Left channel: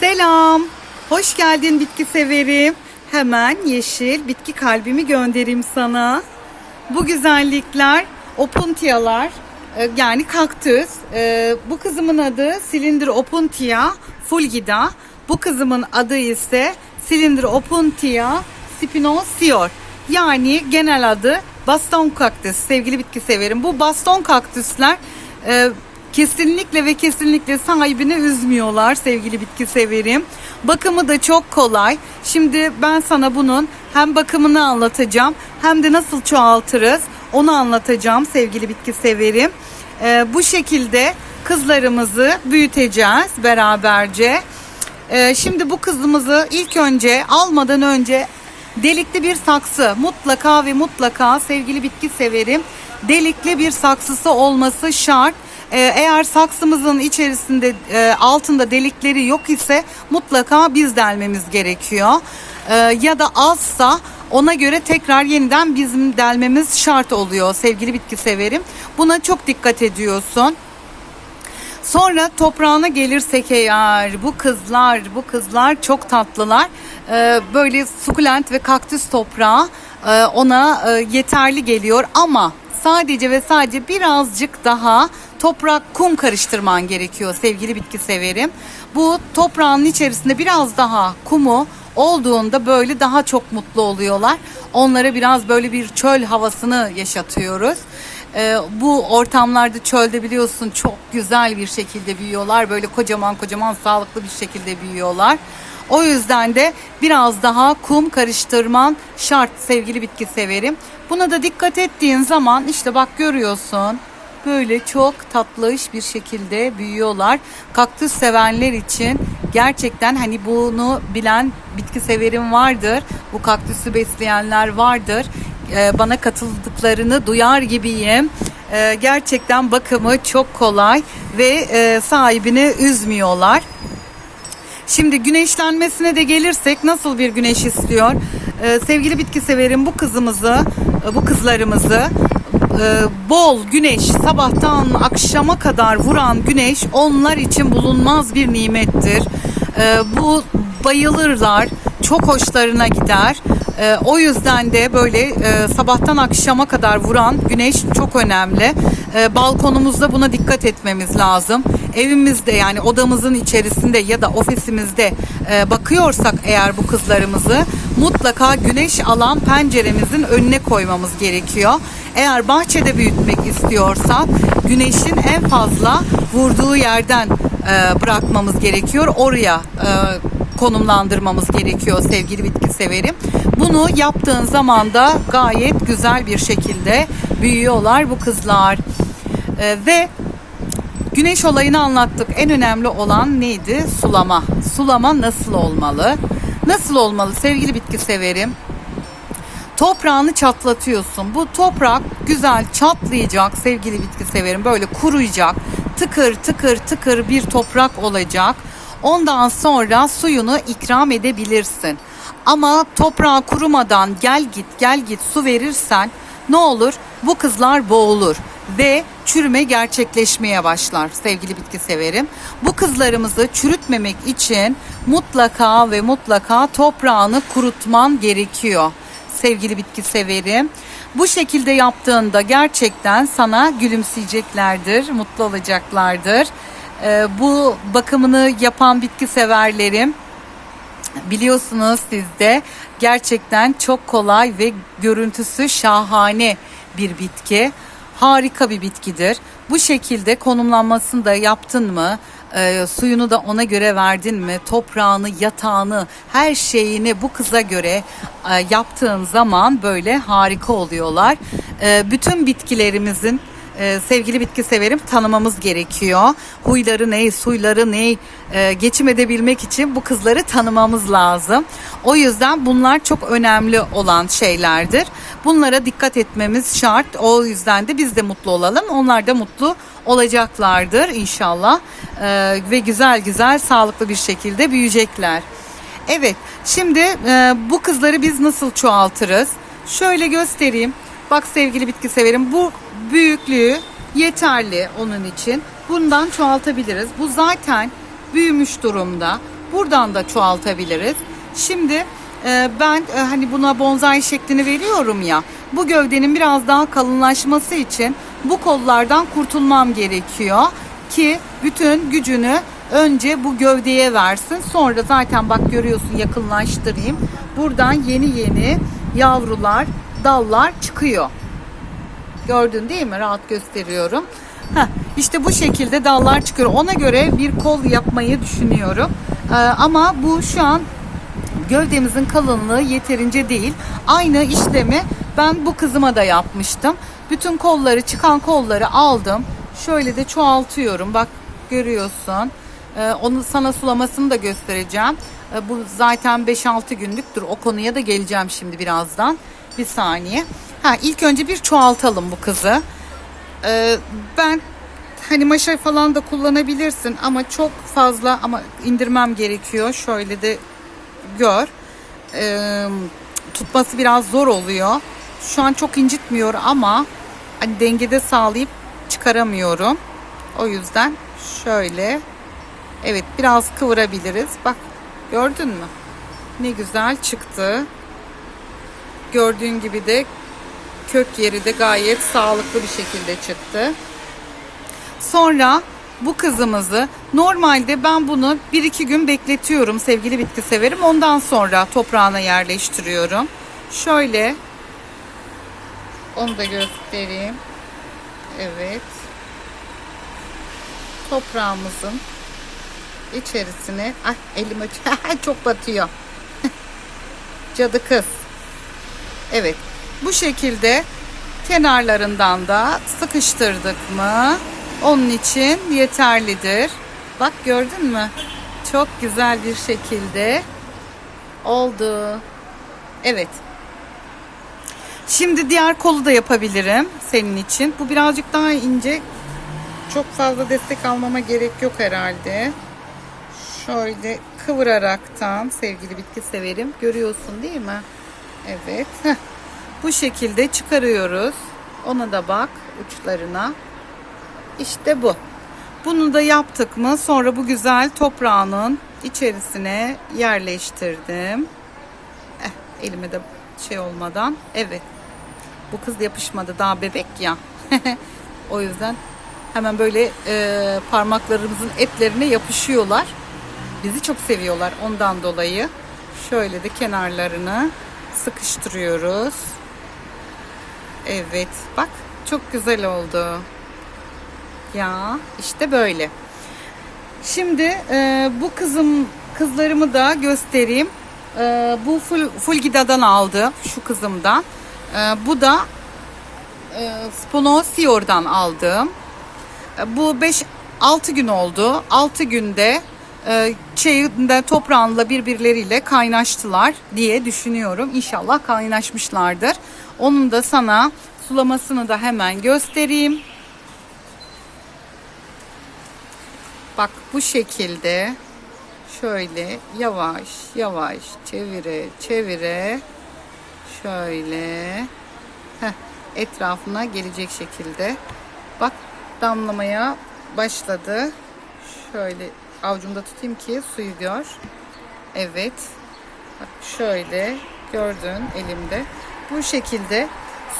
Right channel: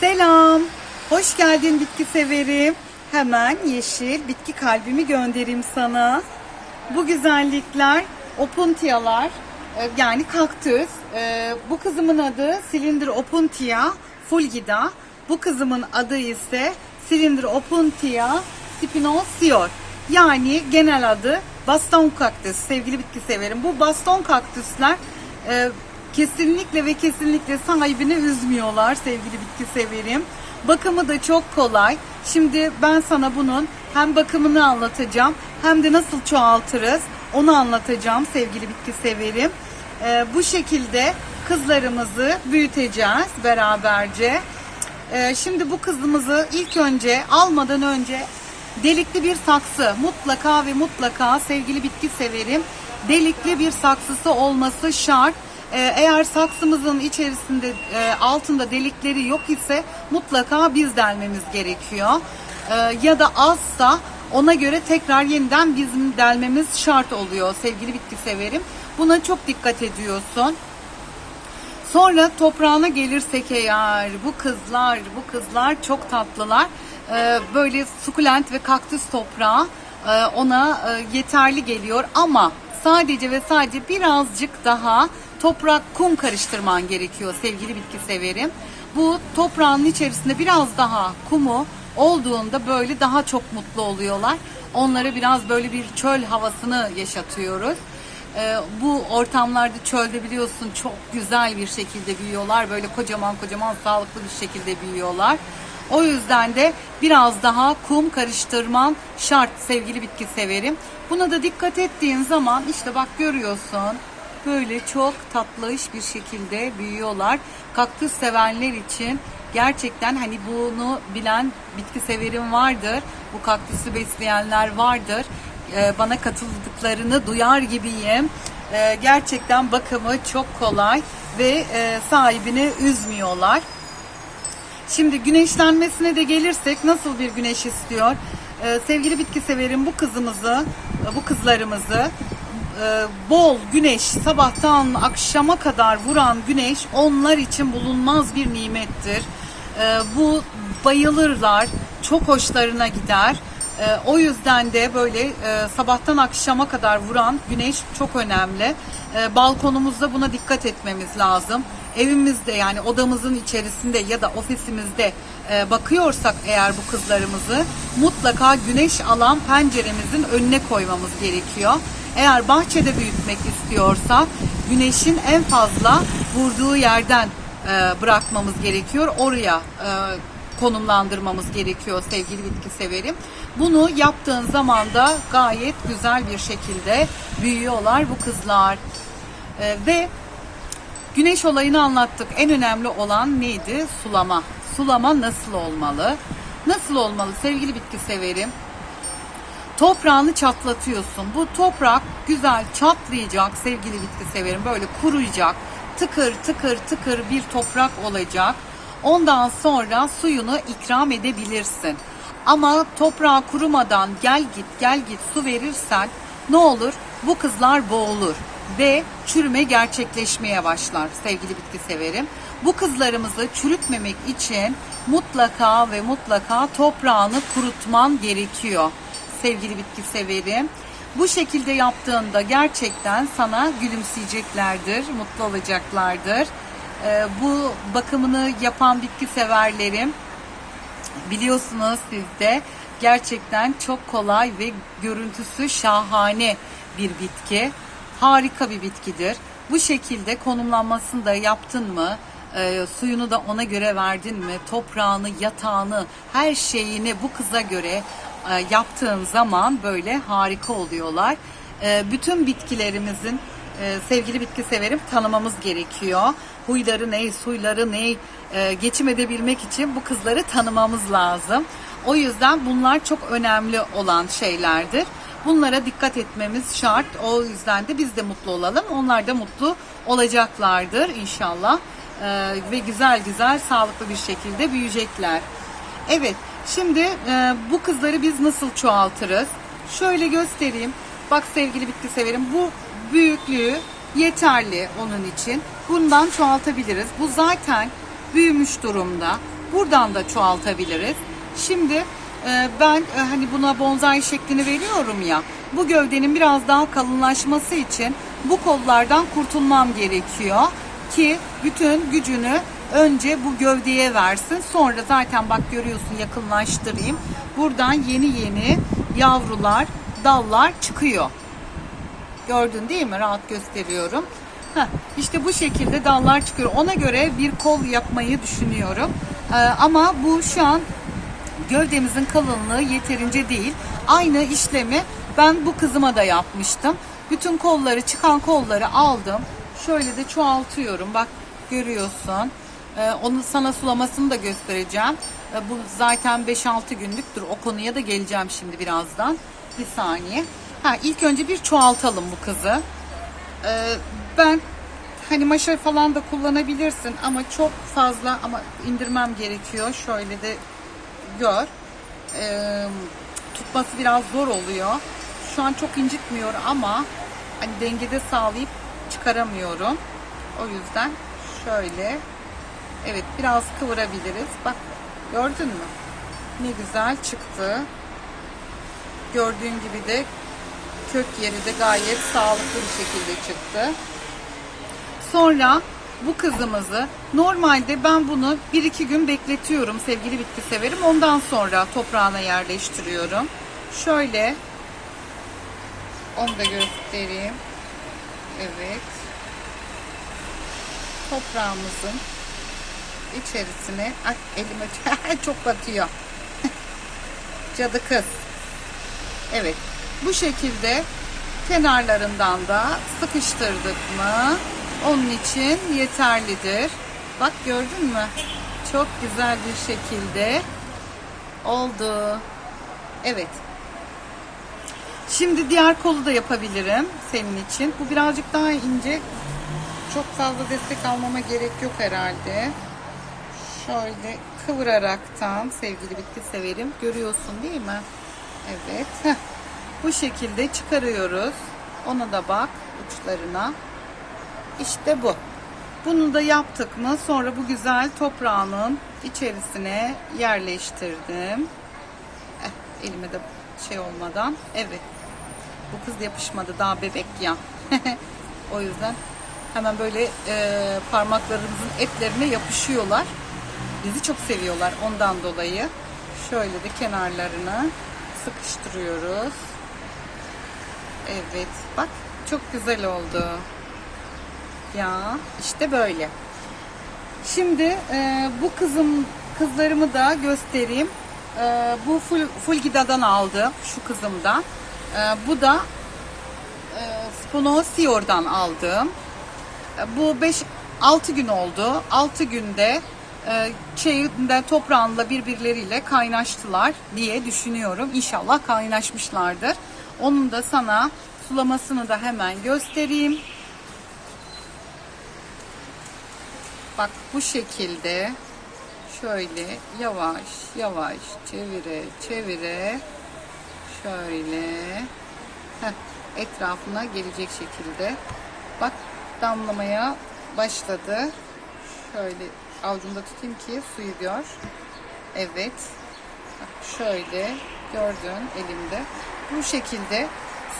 Selam. Hoş geldin bitki severim. Hemen yeşil bitki kalbimi göndereyim sana. Bu güzellikler opuntiyalar e, yani kaktüs. E, Bu kızımın adı silindir opuntia fulgida. Bu kızımın adı ise silindir opuntia spinosior. Yani genel adı baston kaktüs. Sevgili bitki severim. Bu baston kaktüsler e, kesinlikle ve kesinlikle sahibini üzmüyorlar sevgili bitki severim. Bakımı da çok kolay. Şimdi ben sana bunun hem bakımını anlatacağım hem de nasıl çoğaltırız onu anlatacağım sevgili bitki severim. Ee, bu şekilde kızlarımızı büyüteceğiz beraberce. Ee, şimdi bu kızımızı ilk önce almadan önce delikli bir saksı mutlaka ve mutlaka sevgili bitki severim delikli bir saksısı olması şart. Ee, Eğer saksımızın içerisinde e, altında delikleri yok ise mutlaka biz delmemiz gerekiyor. Ee, Ya da azsa ona göre tekrar yeniden bizim delmemiz şart oluyor sevgili bitki severim. Buna çok dikkat ediyorsun. Sonra toprağına gelirsek eğer bu kızlar bu kızlar çok tatlılar. Ee, böyle sukulent ve kaktüs toprağı e, ona e, yeterli geliyor ama sadece ve sadece birazcık daha toprak kum karıştırman gerekiyor sevgili bitki severim. Bu toprağın içerisinde biraz daha kumu olduğunda böyle daha çok mutlu oluyorlar. Onlara biraz böyle bir çöl havasını yaşatıyoruz. Ee, bu ortamlarda çölde biliyorsun çok güzel bir şekilde büyüyorlar. Böyle kocaman kocaman sağlıklı bir şekilde büyüyorlar. O yüzden de biraz daha kum karıştırman şart sevgili bitki severim. Buna da dikkat ettiğin zaman işte bak görüyorsun böyle çok tatlış bir şekilde büyüyorlar. Kaktüs sevenler için gerçekten hani bunu bilen bitki severim vardır. Bu kaktüsü besleyenler vardır. Ee, bana katıldıklarını duyar gibiyim. Ee, gerçekten bakımı çok kolay ve e, sahibini üzmüyorlar. Şimdi güneşlenmesine de gelirsek nasıl bir güneş istiyor? Ee, sevgili bitki severim bu kızımızı, bu kızlarımızı e, bol güneş sabahtan akşama kadar vuran güneş onlar için bulunmaz bir nimettir. Ee, bu bayılırlar, çok hoşlarına gider. Ee, o yüzden de böyle e, sabahtan akşama kadar vuran güneş çok önemli. Ee, balkonumuzda buna dikkat etmemiz lazım. Evimizde yani odamızın içerisinde ya da ofisimizde e, bakıyorsak eğer bu kızlarımızı mutlaka güneş alan penceremizin önüne koymamız gerekiyor. Eğer bahçede büyütmek istiyorsa güneşin en fazla vurduğu yerden e, bırakmamız gerekiyor. Oraya e, konumlandırmamız gerekiyor sevgili bitki severim. Bunu yaptığın zaman da gayet güzel bir şekilde büyüyorlar bu kızlar. E, ve güneş olayını anlattık. En önemli olan neydi? Sulama. Sulama nasıl olmalı? Nasıl olmalı sevgili bitki severim? Toprağını çatlatıyorsun. Bu toprak güzel çatlayacak sevgili bitki severim. Böyle kuruyacak. Tıkır tıkır tıkır bir toprak olacak. Ondan sonra suyunu ikram edebilirsin. Ama toprağı kurumadan gel git gel git su verirsen ne olur? Bu kızlar boğulur ve çürüme gerçekleşmeye başlar sevgili bitki severim. Bu kızlarımızı çürütmemek için mutlaka ve mutlaka toprağını kurutman gerekiyor sevgili bitki severim. Bu şekilde yaptığında gerçekten sana gülümseyeceklerdir, mutlu olacaklardır. Ee, bu bakımını yapan bitki severlerim biliyorsunuz sizde gerçekten çok kolay ve görüntüsü şahane bir bitki. Harika bir bitkidir. Bu şekilde konumlanmasını da yaptın mı? e, suyunu da ona göre verdin mi? Toprağını, yatağını, her şeyini bu kıza göre e, yaptığın zaman böyle harika oluyorlar. E, bütün bitkilerimizin e, sevgili bitki severim tanımamız gerekiyor. Huyları ne, suyları ne, e, geçim edebilmek için bu kızları tanımamız lazım. O yüzden bunlar çok önemli olan şeylerdir. Bunlara dikkat etmemiz şart. O yüzden de biz de mutlu olalım. Onlar da mutlu olacaklardır inşallah. E, ve güzel güzel sağlıklı bir şekilde büyüyecekler. Evet, şimdi e, bu kızları biz nasıl çoğaltırız? Şöyle göstereyim. Bak sevgili bitki severim, bu büyüklüğü yeterli onun için. Bundan çoğaltabiliriz. Bu zaten büyümüş durumda. Buradan da çoğaltabiliriz. Şimdi e, ben e, hani buna bonsai şeklini veriyorum ya. Bu gövdenin biraz daha kalınlaşması için bu kollardan kurtulmam gerekiyor ki bütün gücünü önce bu gövdeye versin. Sonra zaten bak görüyorsun yakınlaştırayım. Buradan yeni yeni yavrular, dallar çıkıyor. Gördün değil mi? Rahat gösteriyorum. Heh, işte bu şekilde dallar çıkıyor. Ona göre bir kol yapmayı düşünüyorum. Ee, ama bu şu an gövdemizin kalınlığı yeterince değil. Aynı işlemi ben bu kızıma da yapmıştım. Bütün kolları çıkan kolları aldım. Şöyle de çoğaltıyorum. Bak görüyorsun. Ee, onu sana sulamasını da göstereceğim. Ee, bu zaten 5-6 günlüktür. O konuya da geleceğim şimdi birazdan. Bir saniye. Ha, ilk önce bir çoğaltalım bu kızı. Ee, ben hani maşa falan da kullanabilirsin ama çok fazla ama indirmem gerekiyor. Şöyle de gör. Ee, tutması biraz zor oluyor. Şu an çok incitmiyor ama hani dengede sağlayıp çıkaramıyorum. O yüzden şöyle evet biraz kıvırabiliriz. Bak gördün mü? Ne güzel çıktı. Gördüğün gibi de kök yeri de gayet sağlıklı bir şekilde çıktı. Sonra bu kızımızı normalde ben bunu 1-2 gün bekletiyorum sevgili bitki severim. Ondan sonra toprağına yerleştiriyorum. Şöyle onu da göstereyim. Evet. Toprağımızın içerisine ah elime çok batıyor. Cadı kız. Evet. Bu şekilde kenarlarından da sıkıştırdık mı onun için yeterlidir. Bak gördün mü? Çok güzel bir şekilde oldu. Evet. Şimdi diğer kolu da yapabilirim senin için. Bu birazcık daha ince. Çok fazla destek almama gerek yok herhalde. Şöyle kıvıraraktan sevgili bitki severim. Görüyorsun değil mi? Evet. Heh. Bu şekilde çıkarıyoruz. Ona da bak uçlarına. İşte bu. Bunu da yaptık mı sonra bu güzel toprağının içerisine yerleştirdim. Eh, elime de şey olmadan. Evet. Bu kız yapışmadı daha bebek ya. o yüzden hemen böyle e, parmaklarımızın etlerine yapışıyorlar. Bizi çok seviyorlar ondan dolayı. Şöyle de kenarlarını sıkıştırıyoruz. Evet bak çok güzel oldu. Ya işte böyle. Şimdi e, bu kızım kızlarımı da göstereyim. E, bu full, Fulgida'dan aldı şu kızımdan. E, bu da e, Sponosior'dan aldığım. E, bu 5-6 gün oldu. 6 günde şeyinde toprağınla birbirleriyle kaynaştılar diye düşünüyorum. İnşallah kaynaşmışlardır. Onun da sana sulamasını da hemen göstereyim. Bak bu şekilde şöyle yavaş yavaş çevire çevire şöyle heh, etrafına gelecek şekilde bak damlamaya başladı şöyle avucumda tutayım ki suyu gör evet bak şöyle gördün elimde bu şekilde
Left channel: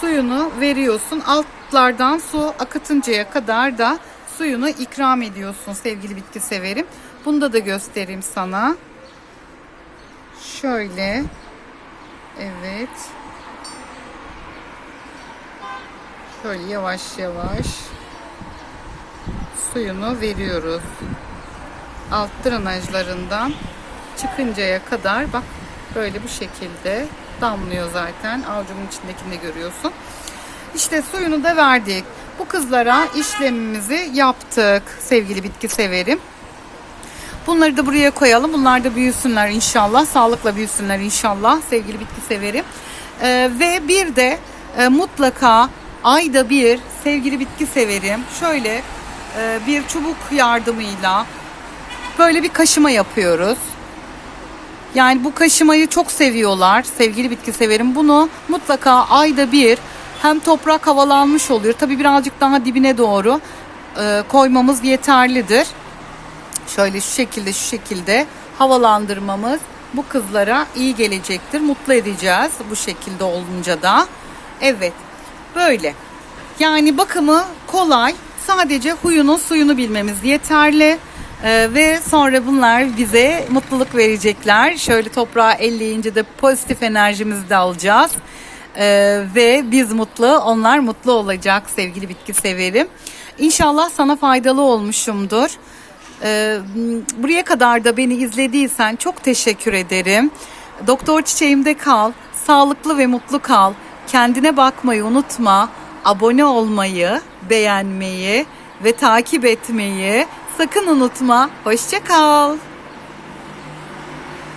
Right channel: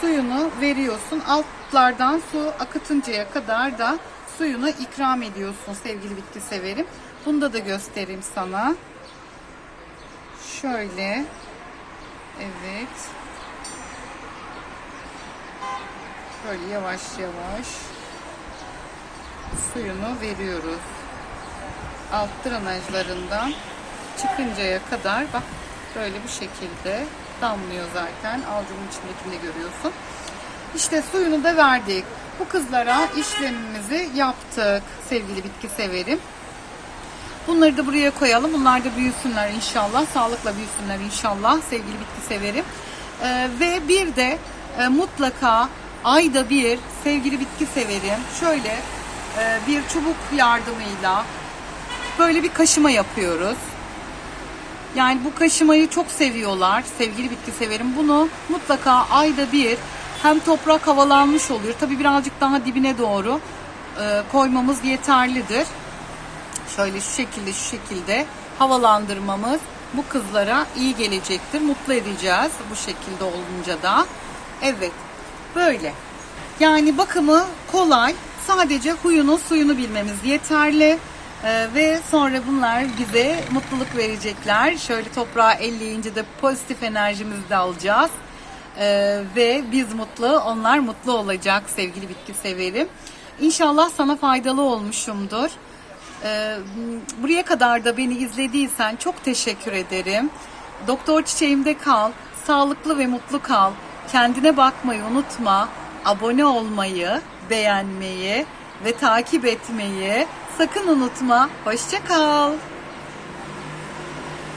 suyunu veriyorsun altlardan su akıtıncaya kadar da suyunu ikram ediyorsun sevgili bitki severim. Bunda da göstereyim sana. Şöyle. Evet. Şöyle yavaş yavaş suyunu veriyoruz. Alt drenajlarından çıkıncaya kadar bak böyle bu şekilde damlıyor zaten. Avucumun içindekini de görüyorsun. İşte suyunu da verdik. Bu kızlara işlemimizi yaptık sevgili bitki severim. Bunları da buraya koyalım. Bunlar da büyüsünler inşallah. Sağlıkla büyüsünler inşallah sevgili bitki severim. Ee, ve bir de e, mutlaka ayda bir sevgili bitki severim. Şöyle e, bir çubuk yardımıyla böyle bir kaşıma yapıyoruz. Yani bu kaşımayı çok seviyorlar sevgili bitki severim. Bunu mutlaka ayda bir hem toprak havalanmış oluyor. Tabi birazcık daha dibine doğru e, koymamız yeterlidir. Şöyle şu şekilde şu şekilde havalandırmamız bu kızlara iyi gelecektir. Mutlu edeceğiz bu şekilde olunca da. Evet böyle. Yani bakımı kolay. Sadece huyunu suyunu bilmemiz yeterli. Ee, ve sonra bunlar bize mutluluk verecekler. Şöyle toprağa elleyince de pozitif enerjimizi de alacağız. Ee, ve biz mutlu, onlar mutlu olacak sevgili bitki severim. İnşallah sana faydalı olmuşumdur. Ee, buraya kadar da beni izlediysen çok teşekkür ederim. Doktor çiçeğimde kal, sağlıklı ve mutlu kal. Kendine bakmayı unutma. Abone olmayı, beğenmeyi ve takip etmeyi sakın unutma. Hoşça kal.